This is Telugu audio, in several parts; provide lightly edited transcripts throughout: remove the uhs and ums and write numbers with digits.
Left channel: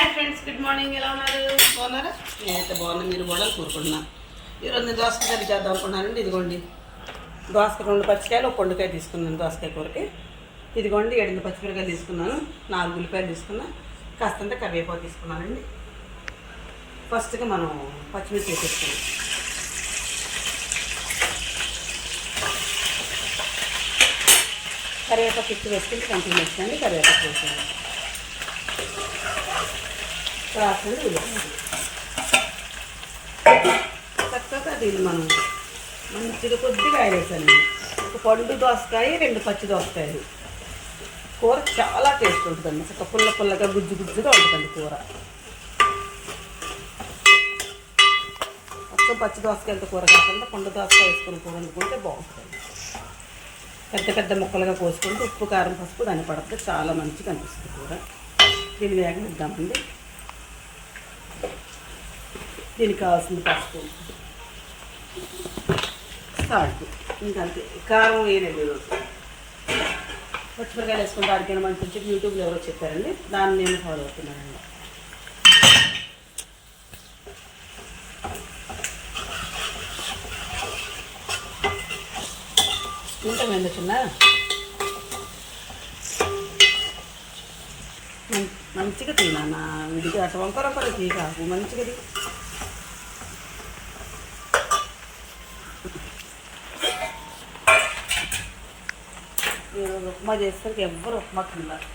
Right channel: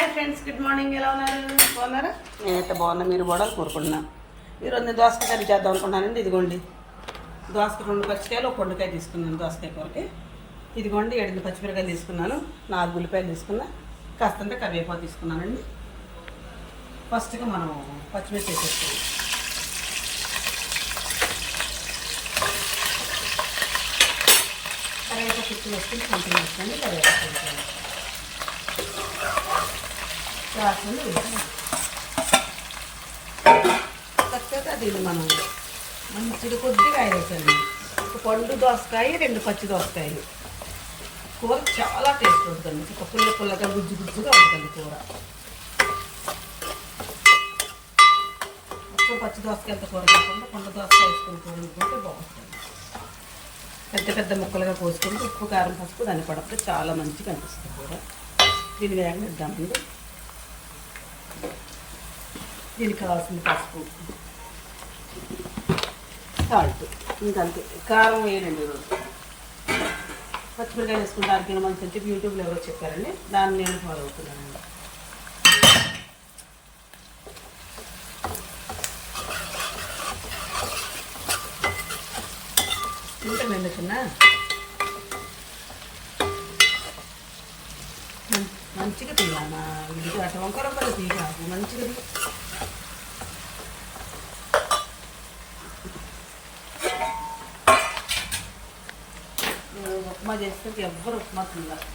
Hi friends, good morning. ఎలా ఉన్నారు? బాగున్నారా? నేనైతే బాగున్నా. మీరు కూడా కోరుకుంటున్నాను. ఈరోజు నేను దోసకాయ కర్రీ చేద్దాం అనుకున్నానండి. ఇదిగోండి దోసకాయ 2 పచ్చికాయలు, 1 పొండుకాయ తీసుకున్నాను దోసకాయ కూరకి. ఇదిగోండి 7 పచ్చిమిరకాయలు తీసుకున్నాను, 4 ఉల్లిపాయలు తీసుకున్నా, కాస్తంత కరివేపాకు తీసుకున్నానండి. ఫస్ట్గా మనం పచ్చిమిర్చి వేసేసుకున్నాం. కరివేపాకు ఎక్కువ వేసుకుంటే కంపెనీ వేసుకోండి. కరివేపాకు వేసుకోండి, రాసండి ఉల్లిపాయ చక్కగా దీన్ని మనం మంచిగా కొద్దిగా ఆయిల్ వేసానండి. 1 పండు దోసకాయ, 2 పచ్చి దోసకాయలు. కూర చాలా టేస్ట్ ఉంటుందండి. చక్క పుల్లగా గుజ్జు గుజ్జుగా ఉంటుందండి కూర. మొత్తం పచ్చి దోసకాయలతో కూర కాకుండా పండు దోసకాయ వేసుకుని కూర వండుకుంటే బాగుంటుంది. పెద్ద ముక్కలుగా కోసుకుంటే ఉప్పు, కారం, పసుపు దాన్ని పడితే చాలా మంచిగా అనిపిస్తుంది కూర. దీన్ని వేగనిద్దామండి. దీనికి కావాల్సింది పసుపు, సాల్ట్, ఇంకంతే. కారం వేయనండి ఈరోజు. పచ్చిమిరకాయలు వేసుకుంటే ఆడికైనా మంచి చెప్పి యూట్యూబ్లో ఎవరో చెప్పారండి, దాన్ని నేను ఫాలో అవుతున్నానండి. ఇంతమైంది చిన్న మంచిగా తీయాలన్నా విడిగా అటు వంకరొకరు తీయాలి. మంచిగా ఉప్మా చేస్తే ఎవ్వరు ఉప్మా తిన్నారు.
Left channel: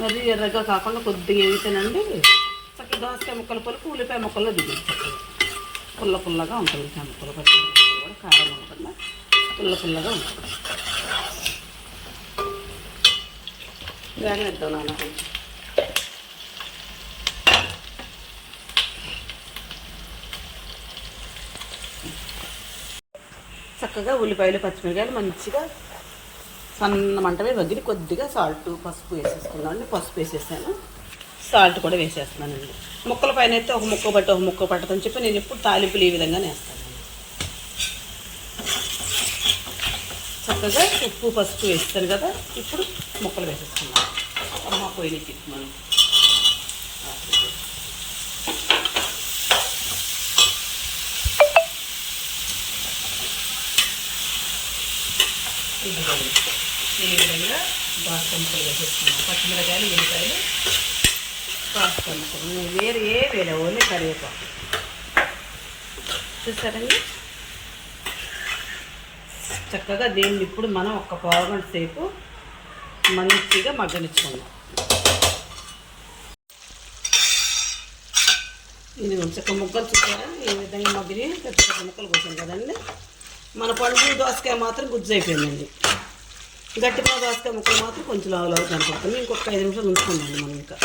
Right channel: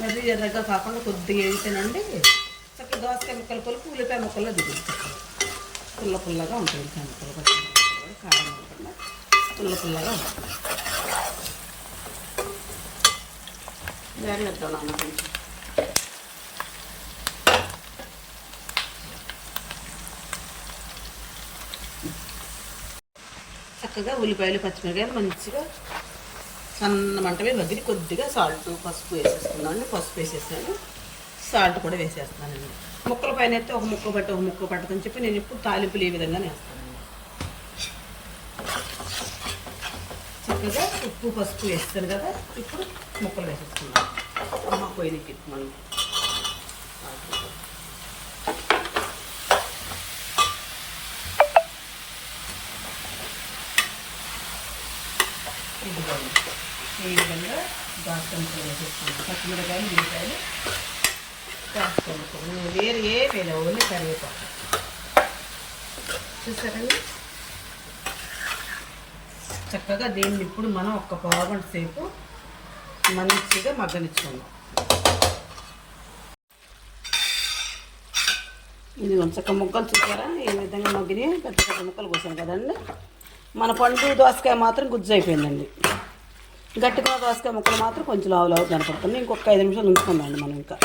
మరి ఎర్రగా కాకుండా కొద్దిగా వేగితేనండి చక్కగా దోసకాయ ముక్కల పులుపు ఉల్లిపాయ ముక్కల్లో దిగుతుంది. పుల్లగా ఉంటుంది. ముక్కలు పచ్చి ముక్కలు కూడా కారం ఉంటుంది, పుల్లగా ఉంటుంది. వేగనిద్దాం నాన్న కొంచెం. చక్కగా ఉల్లిపాయలు, పచ్చిమిరకాయలు మంచిగా సన్న మంట మీద వదిలి కొద్దిగా సాల్ట్, పసుపు వేసేసుకున్నాను. పసుపు వేసేసాను, సాల్ట్ కూడా వేసేస్తున్నానండి. ముక్కల పైన అయితే ఒక ముక్క పట్టదని చెప్పి నేను ఇప్పుడు తాలింపులు ఈ విధంగానే వేస్తాను. చక్కగా ఉప్పు, పసుపు వేస్తాను కదా. ఇప్పుడు ముక్కలు వేసేసుకున్నాను. అమ్మ పోయిన తిప్పి మనం ఈ విధంగా దోసకాయ ముక్కలు వేసేసుకున్నాను. పచ్చిమిరకాయలు, ఉల్లిపాయలు, దోసకాయ ముక్కలు. వేరే ఏ వేరే ఓన్లీ కరివేపాకు. చూస్తారండి. చక్కగా దీన్ని ఇప్పుడు మనం 1 పావుగంట సేపు మంచిగా మగ్గనిచ్చుకుందాం. ఇది చక్క ముక్కలు చూసారా ఈ విధంగా మగ్గిని పెద్ద ముక్కలు కోసాను కదండి. మన పండు దోసకాయ మాత్రం గుజ్జు అయిపోయిందండి. గట్టిగా దోసకాయ ముక్కలు మాత్రం కొంచెం లావు కనపడుతుంది. ఇంకొక 5 నిమిషాలు ఉంచుకుందామండి. మనం ఇంకా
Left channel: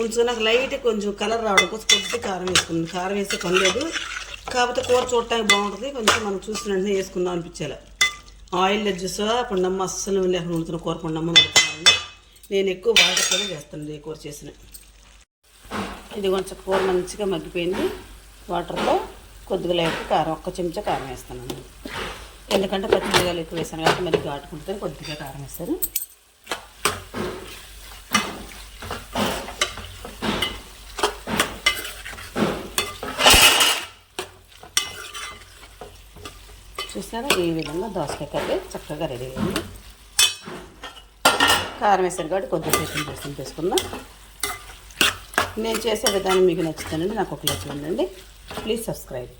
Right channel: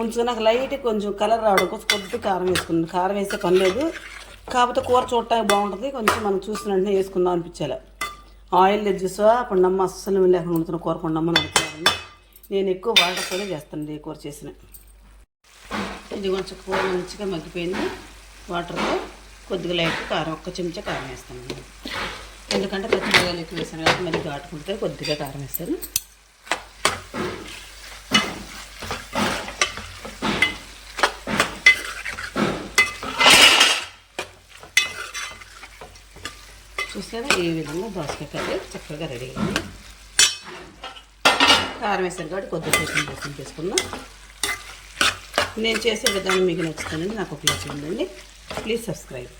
ఉంచుకున్నాక లైట్ కొంచెం కలర్ రావడం కోసం కొద్దిగా కారం వేసుకున్నాం. కారం వేస్తే పని లేదు, కాకపోతే కూర చూడటానికి బాగుంటుంది. కొంచెం మనం చూసిన వెంటనే వేసుకుందాం అనిపించేలా. ఆయిల్ చూసా పండమ్మ అస్సలు లేకుండా వండుతున్న కూర పండమ్మ వండుతున్నారండి. నేను ఎక్కువ వాటర్తోనే చేస్తాను ఈ కూర చేసిన. ఇది కొంచెం కూర మంచిగా మగ్గిపోయింది. వాటర్లో కొద్దిగా లైట్ కారం, 1 చెంచా కారం వేస్తానండి. ఎందుకంటే పచ్చిమిరకాయలు ఎక్కువ వేస్తాను కాబట్టి మళ్ళీ ఘాటుకుంటే కొద్దిగా కారం వేస్తాను. చూసారా ఈ విధంగా దోసకాయ కర్రీ చక్కగా రెడీ అయింది. కారం వేసారు కాబట్టి కొద్దిసేపు చేసుకుందాం. నేను చేసే విధానం మీకు నచ్చుతానండి. నాకు ఒక లైక్ చేయండి. Please subscribe.